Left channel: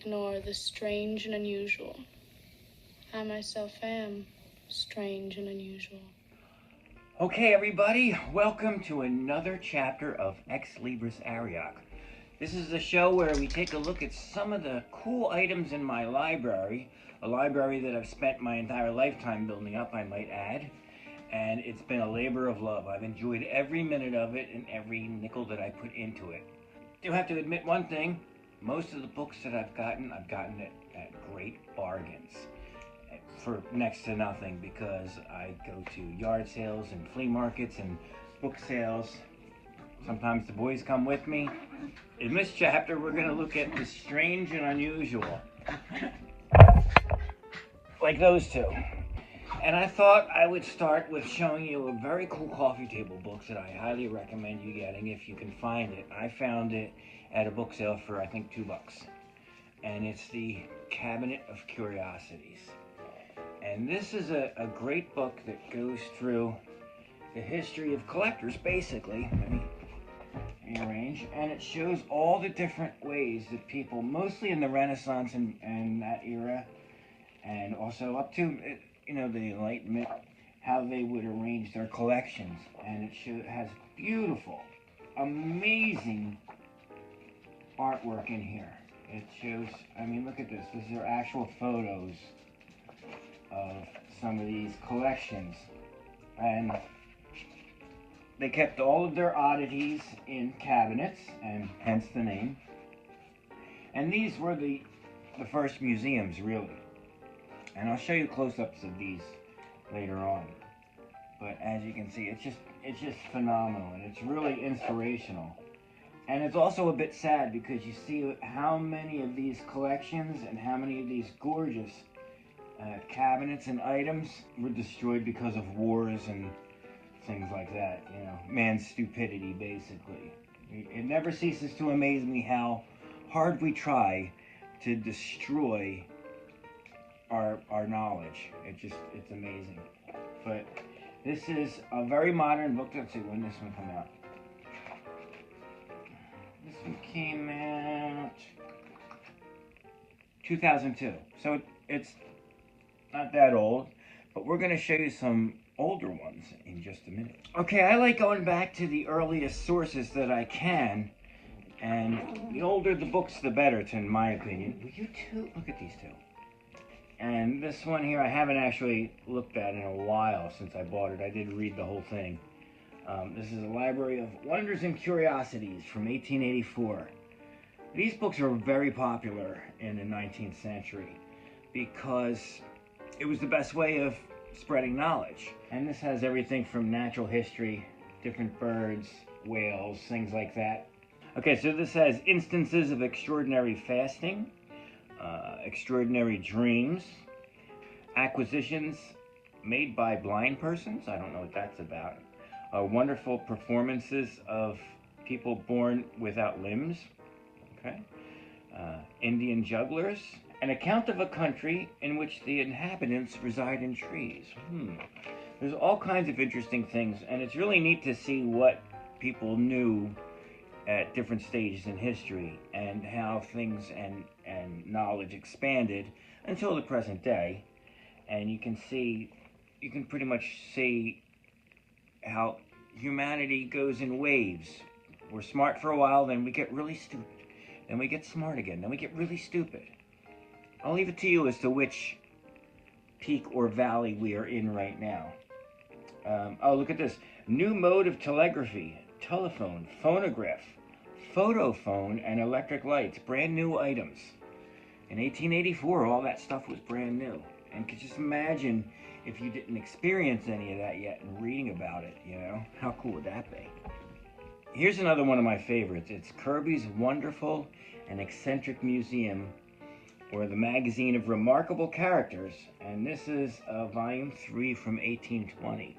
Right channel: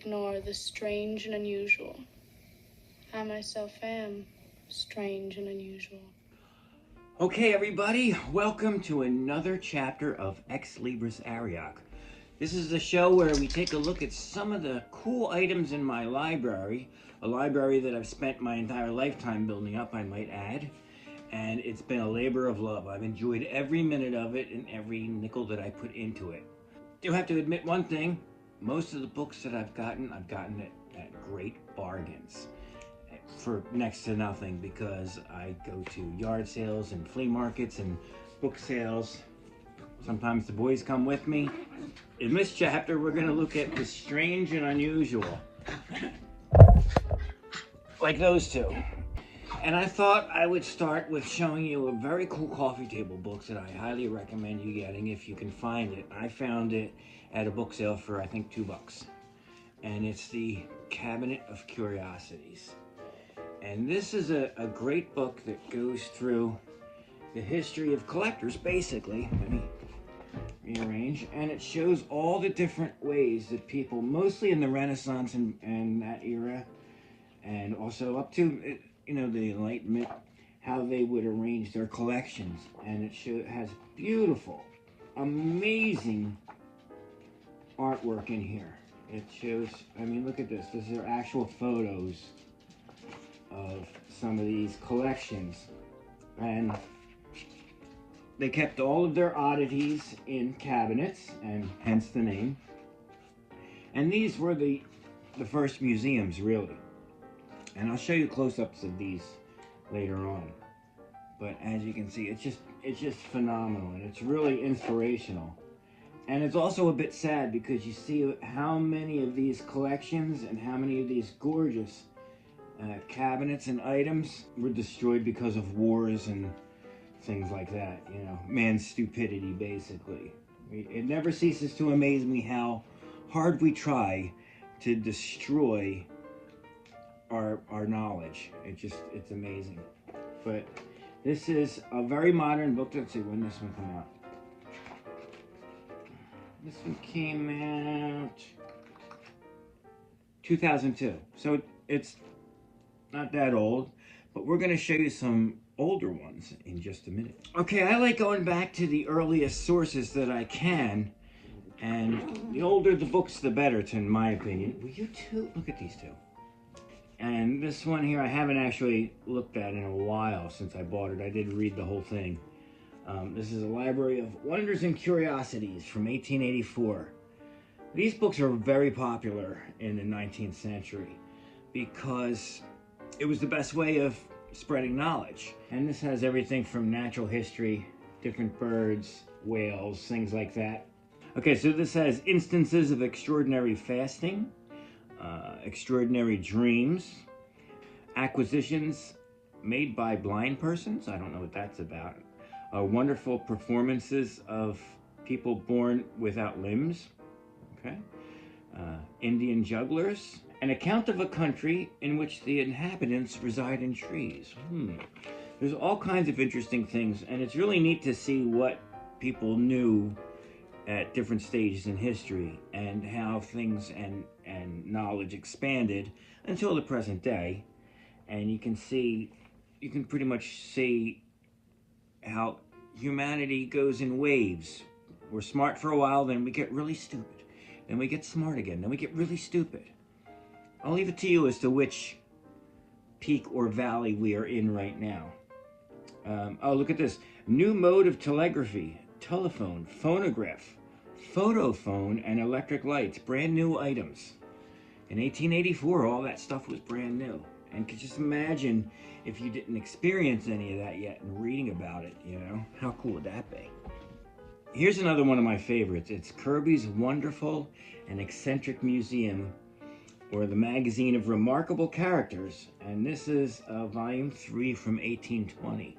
ignore the strange and unusual. I myself am strange and unusual. Okay, everybody, welcome to another chapter of Ex Libris Arioch. This is the show where we take a look at some of the cool items in my library, a library that I've spent my entire lifetime building up, I might add, and it's been a labor of love. I've enjoyed every minute of it and every nickel that I put into it. Do have to admit one thing, most of the books that I've gotten at great bargains. For next to nothing, because I go to yard sales and flea markets and book sales. Sometimes the boys come with me. In this chapter, we're going to look at the strange and unusual. Like those two. And I thought I would start with showing you a very cool coffee table book that I highly recommend you getting if you can find it. I found it at a book sale for I think $2. And it's the Cabinet of Curiosities. And this is a great book that goes through the history of collectors, basically. Let me rearrange. And it shows all the different ways that people, mostly in the Renaissance and that era, and also up to, the Enlightenment, how they would arrange their collections. And it has beautiful, amazing artwork in here. It shows, look at this. These are actual photos of some of these collections, and they kept all of their oddities in cabinets, and hence the name. And these were the first museums, really. And I'll show you close-ups of these later on. But as you can see, it's just phenomenal, and it's really inspirational. And it's also a bit sad because you see how many of these collections and how many of these gorgeous cabinets and items were destroyed because of wars and things like that, man's stupidity, basically. It never ceases to amaze me how hard we try to destroy our knowledge. It's amazing. But this is a very modern book. Let's see when this one came out. This one came out 2002. So it's not that old, but we're going to show you some older ones in just a minute. Okay, I like going back to the earliest sources that I can, and the older the books, the better, in my opinion. Will you two? Look at these two. And this one here, I haven't actually looked at in a while since I bought it. I did read the whole thing. This is a Library of Wonders and Curiosities from 1884. These books are very popular in the 19th century because it was the best way of spreading knowledge. And this has everything from natural history, different birds, whales, things like that. Okay, so this has instances of extraordinary fasting, extraordinary dreams, acquisitions made by blind persons. I don't know what that's about. Wonderful performances of people born without limbs. Okay. Indian jugglers. An account of a country in which the inhabitants reside in trees. There's all kinds of interesting things, and it's really neat to see what people knew at different stages in history and how things and knowledge expanded until the present day. And you can pretty much see how humanity goes in waves. We're smart for a while, then we get really stupid. Then we get smart again, then we get really stupid. I'll leave it to you as to which peak or valley we are in right now. Oh, look at this. New mode of telegraphy, telephone, phonograph, photophone, and electric lights. Brand new items. In 1884, all that stuff was brand new. And could just imagine if you didn't experience any of that yet and reading about it, How cool would that be? Here's another one of my favorites. It's Kirby's Wonderful and Eccentric Museum, or the Magazine of Remarkable Characters, and this is volume 3 from 1820.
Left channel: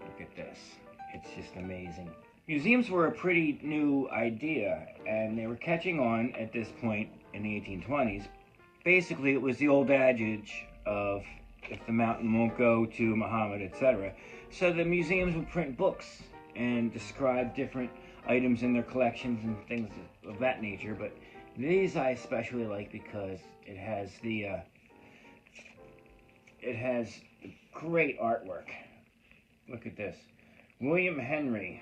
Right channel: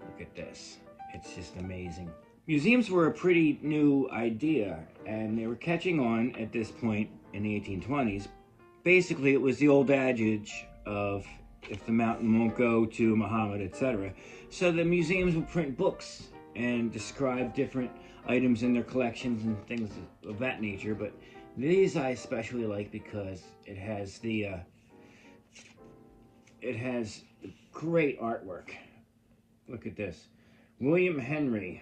Look at this. It's just amazing. Museums were a pretty new idea, and they were catching on at this point in the 1820s. Basically, it was the old adage of, if the mountain won't go to Muhammad, etc. So the museums would print books and describe different items in their collections and things of that nature, but These I especially like because it has great artwork. Look at this. William Henry,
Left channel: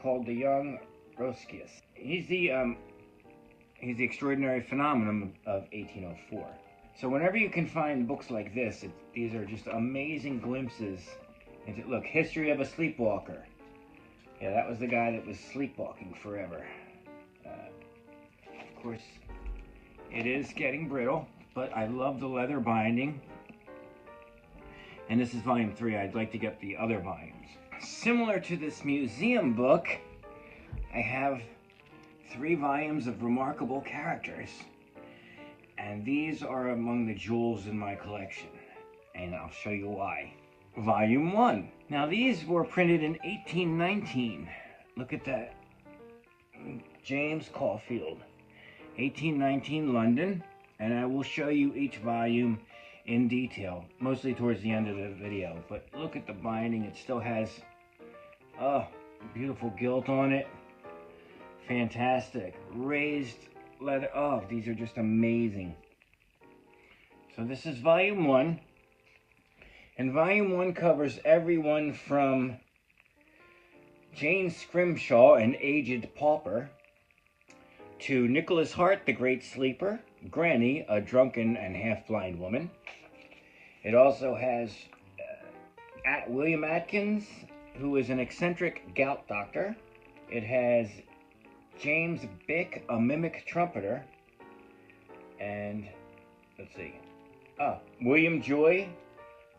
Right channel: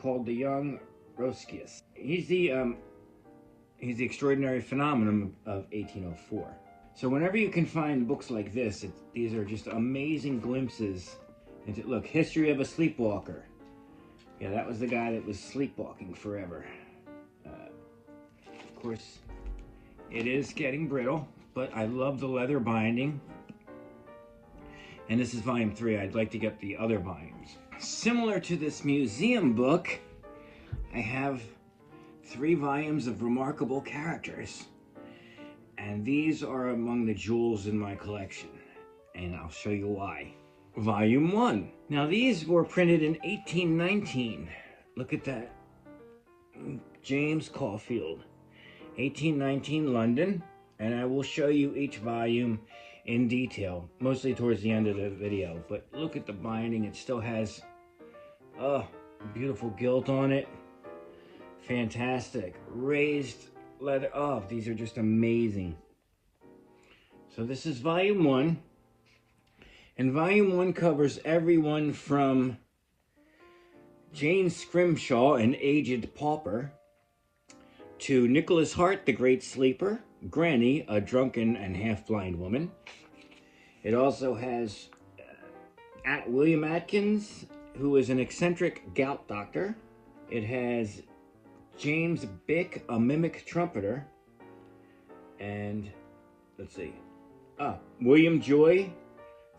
called the Young Roscius. He's the extraordinary phenomenon of 1804. So whenever you can find books like this, these are just amazing glimpses into, look, history of a sleepwalker. Yeah, that was the guy that was sleepwalking forever. Of course, it is getting brittle, but I love the leather binding. And this is volume 3. I'd like to get the other volumes. Similar to this museum book, I have 3 volumes of remarkable characters. And these are among the jewels in my collection. And I'll show you why. Volume 1. Now these were printed in 1819. Look at that. James Caulfield. 1819 London. And I will show you each volume in detail, mostly towards the end of the video. But look at the binding. It still has, oh, beautiful gilt on it. Fantastic. Raised leather. Oh, these are just amazing. So this is volume 1. And volume 1 covers everyone from Jane Scrimshaw, an aged pauper, to Nicholas Hart, the great sleeper, Granny, a drunken and half-blind woman. It also has William Atkins, who is an eccentric gout doctor. It has James Bick, a mimic trumpeter. And, let's see, William Joy,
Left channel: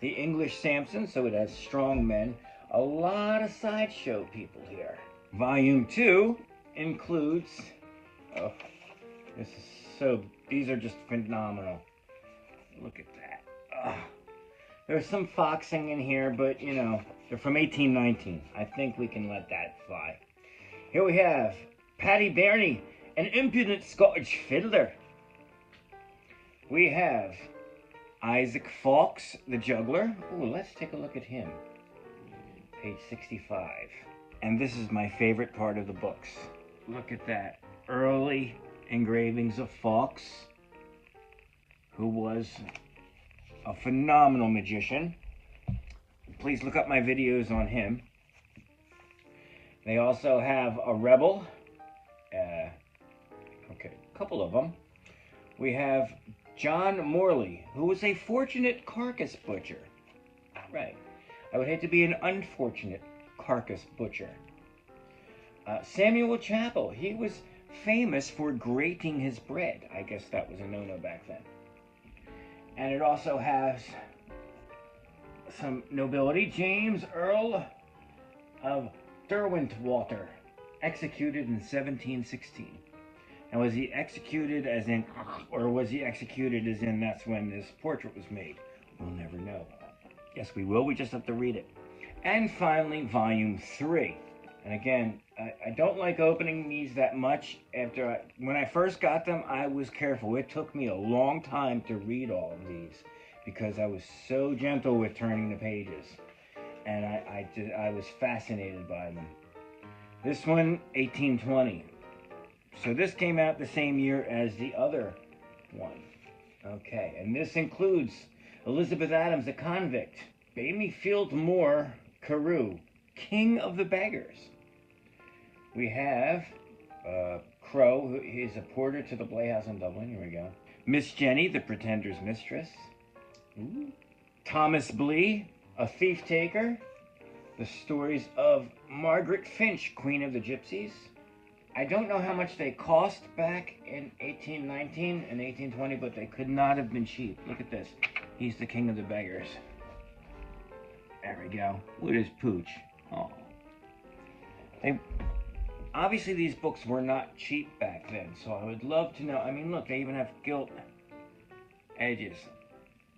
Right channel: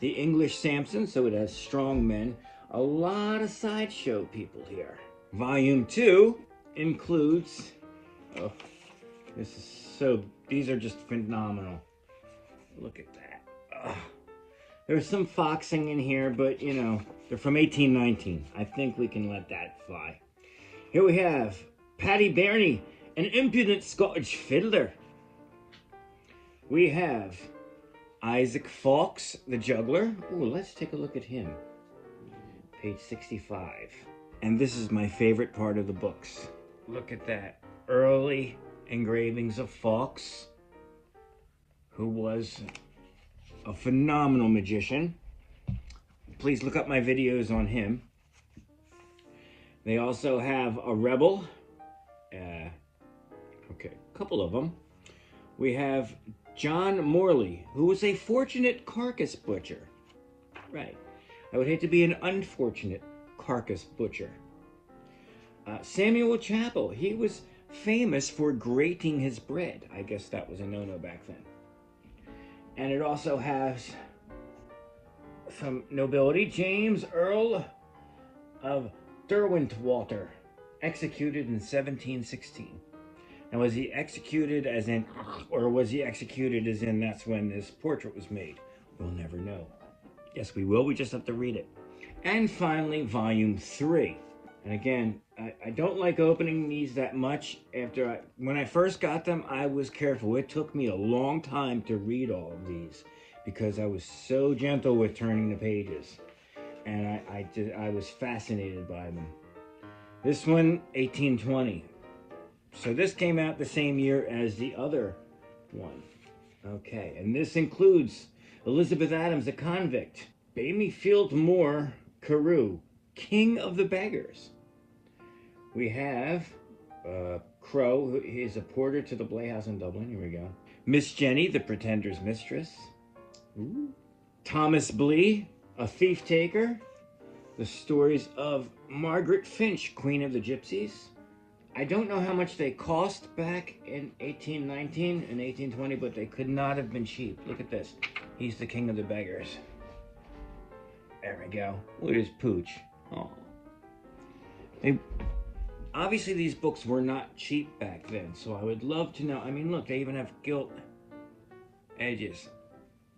the English Samson, so it has strong men. A lot of sideshow people here. Volume 2 includes, oh, this is so, these are just phenomenal. Look at that. Oh, there's some foxing in here, but you know, they're from 1819. I think we can let that fly. Here we have Paddy Barney, an impudent Scottish fiddler. We have Isaac Fawkes, the juggler. Ooh, let's take a look at him. Page 65. And this is my favorite part of the books. Look at that. Early engravings of Fawkes, who was a phenomenal magician. Please look up my videos on him. They also have a rebel. Okay, a couple of them. We have John Morley, who was a fortunate carcass butcher. Right. I would hate to be an unfortunate carcass butcher. Samuel Chapel, he was famous for grating his bread. I guess that was a no-no back then. And it also has some nobility. James Earl of Derwentwater, executed in 1716. Now, was he executed as in, or was he executed as in that's when this portrait was made? We'll never know. Yes, we will. We just have to read it. And finally, volume 3. And again, I don't like opening these that much. When I first got them, I was careful. It took me a long time to read all of these because I was so gentle with turning the pages. And I was fascinated by them. This one, 1820. So this came out the same year as the other one. Okay, and this includes Elizabeth Adams, a convict. Bailey Field Moore Carew, King of the Beggars. We have Crow, who is a porter to the Playhouse in Dublin. Here we go. Miss Jenny, the Pretender's mistress. Ooh. Thomas Blee, a thief taker. The stories of Margaret Finch, Queen of the Gypsies. I don't know how much they cost back in 1819 and 1820, but they could not have been cheap. Look at this. He's the King of the Beggars. There we go. Look at his pooch. Oh. Obviously, these books were not cheap back then, so I would love to know. I mean, look, they even have gilt edges.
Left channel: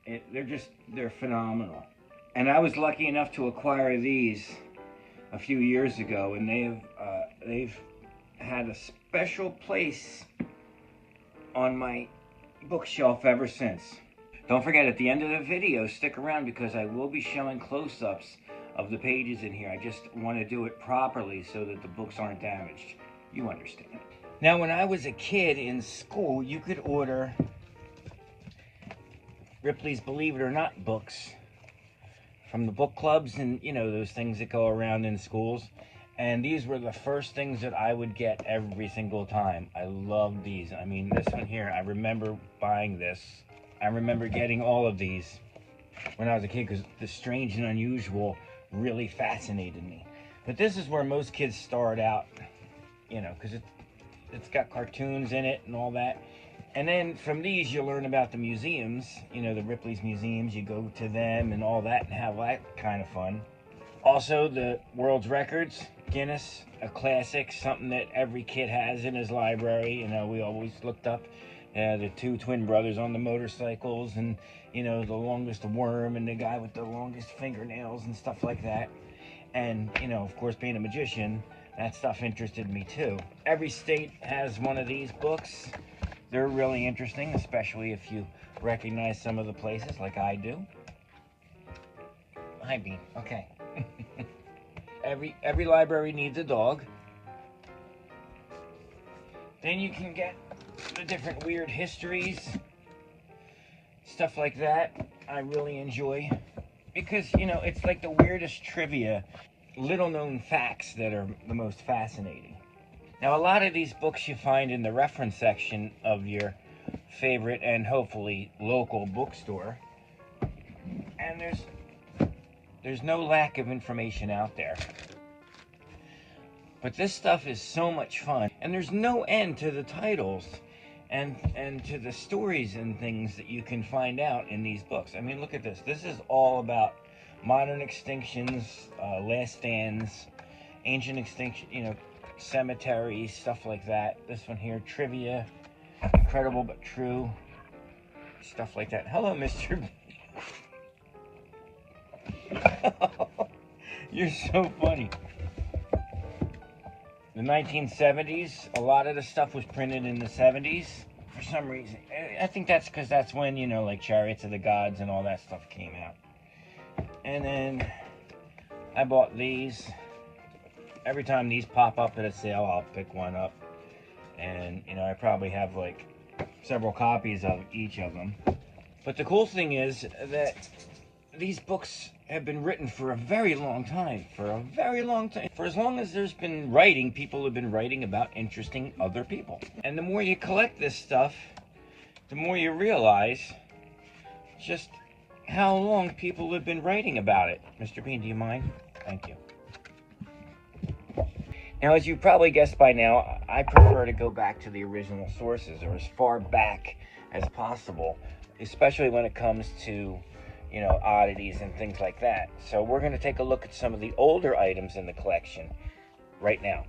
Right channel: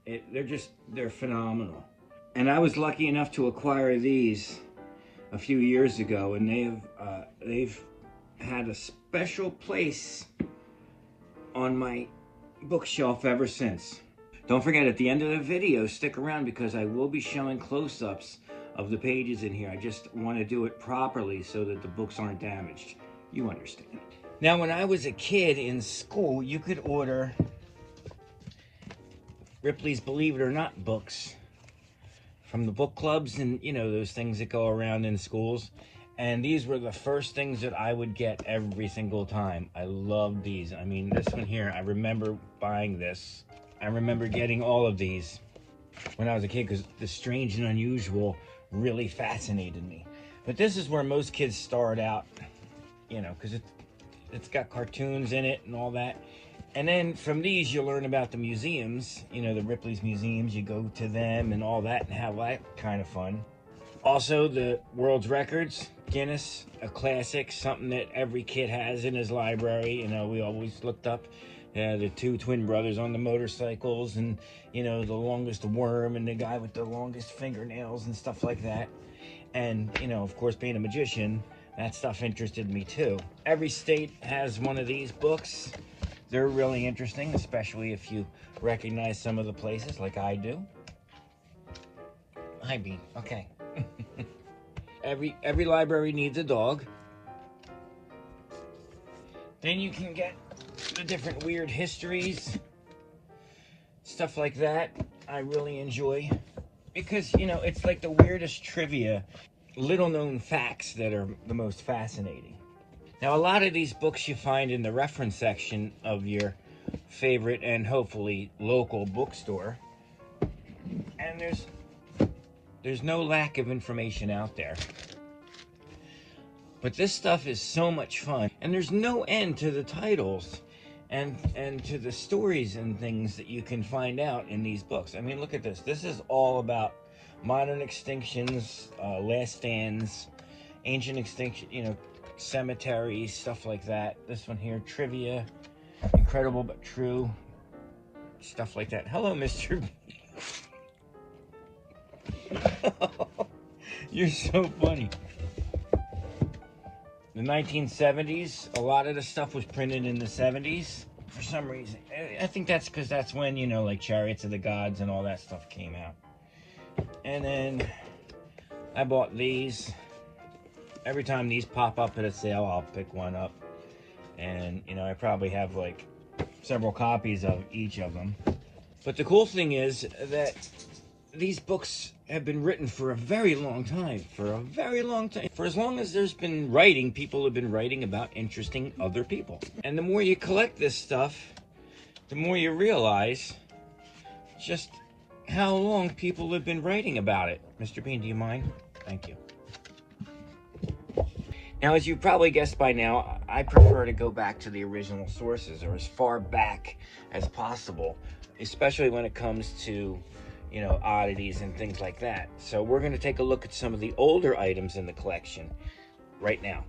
They're phenomenal. And I was lucky enough to acquire these a few years ago, and they've had a special place on my bookshelf ever since. Don't forget, at the end of the video, stick around because I will be showing close-ups of the pages in here. I just want to do it properly so that the books aren't damaged. You understand. Now, when I was a kid in school, you could order Ripley's Believe It or Not books from the book clubs and, you know, those things that go around in schools. And these were the first things that I would get every single time. I loved these. I mean, this one here, I remember buying this. I remember getting all of these when I was a kid because the strange and unusual really fascinated me. But this is where most kids start out, you know, because it's got cartoons in it and all that. And then from these, you learn about the museums, you know, the Ripley's museums. You go to them and all that and have that kind of fun. Also, the world's records, Guinness, a classic, something that every kid has in his library. You know, we always looked up the two twin brothers on the motorcycles and, you know, the longest worm and the guy with the longest fingernails and stuff like that. And, you know, of course, being a magician, that stuff interested me too. Every state has one of these books. They're really interesting, especially if you recognize some of the places like I do. Hi, Bean. Okay. Every library needs a dog. Then you can get the different weird histories, stuff like that. I really enjoy because, you know, it's like the weirdest trivia, little known facts that are the most fascinating. Now, a lot of these books you find in the reference section of your favorite and hopefully local bookstore. And there's no lack of information out there. But this stuff is so much fun. And there's no end to the titles and to the stories and things that you can find out in these books. I mean, look at this. This is all about modern extinctions, last stands, ancient extinction, you know, cemeteries, stuff like that. This one here, trivia, incredible but true, stuff like that. Hello, Mr. You're so funny. The 1970s, a lot of the stuff was printed in the 70s for some reason. I think that's because that's when, you know, like Chariots of the Gods and all that stuff came out. And then I bought these. Every time these pop up at a sale, I'll pick one up. And, you know, I probably have like several copies of each of them. But the cool thing is that these books have been written for a very long time. For a very long time. For as long as there's been writing, people have been writing about interesting other people. And the more you collect this stuff, the more you realize just how long people have been writing about it. Mr. Bean, do you mind? Thank you. Now, as you probably guessed by now, I prefer to go back to the original sources, or as far back as possible, especially when it comes to, you know, oddities and things like that. So we're going to take a look at some of the older items in the collection right now.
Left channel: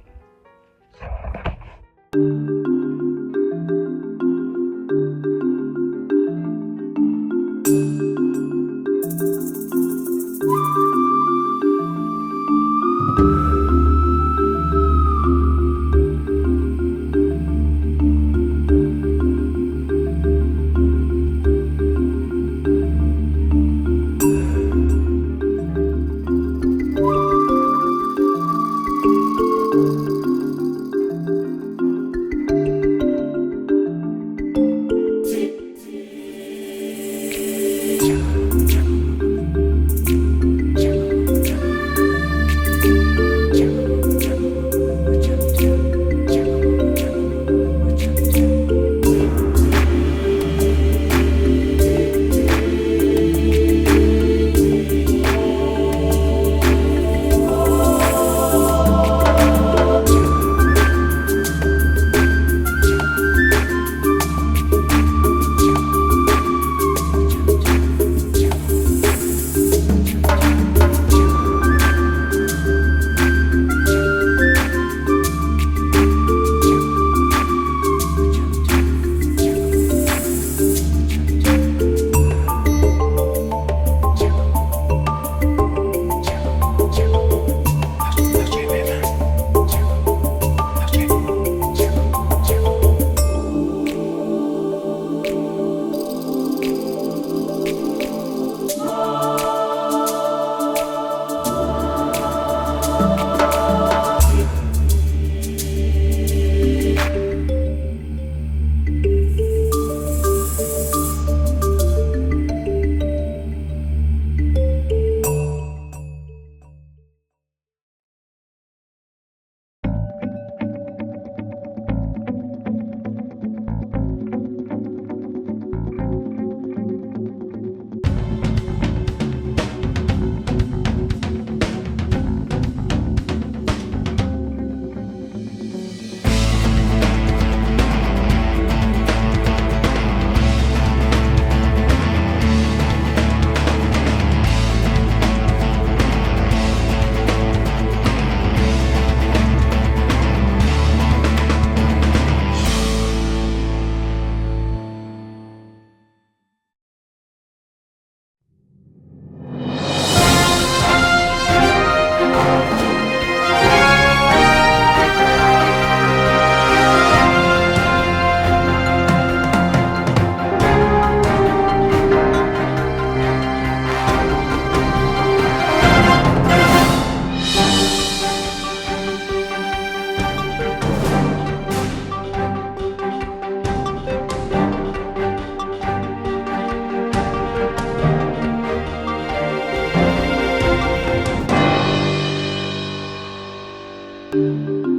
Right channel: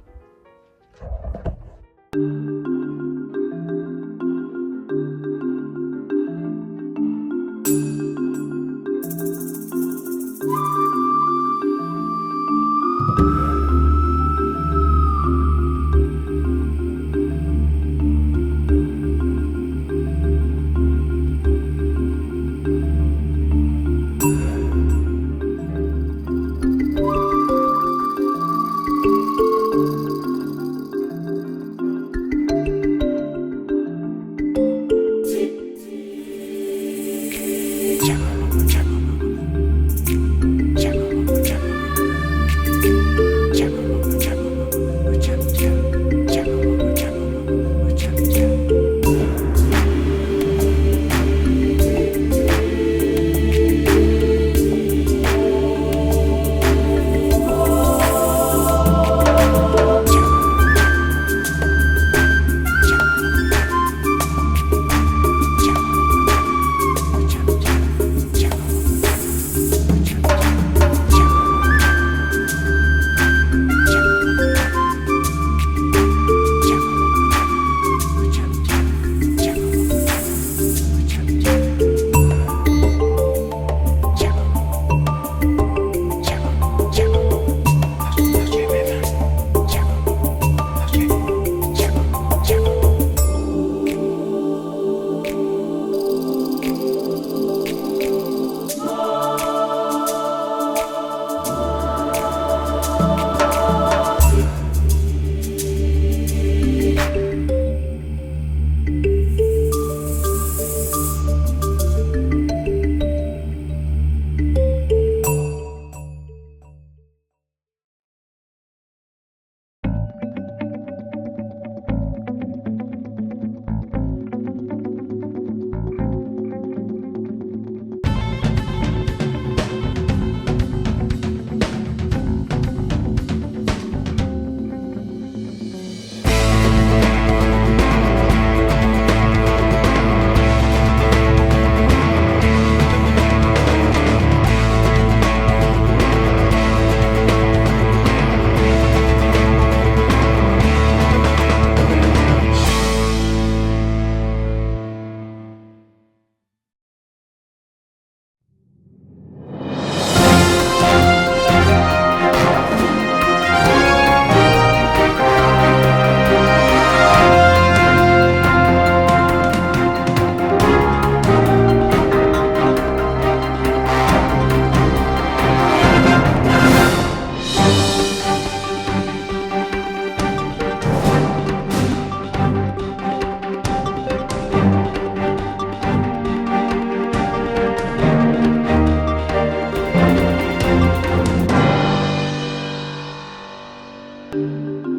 you.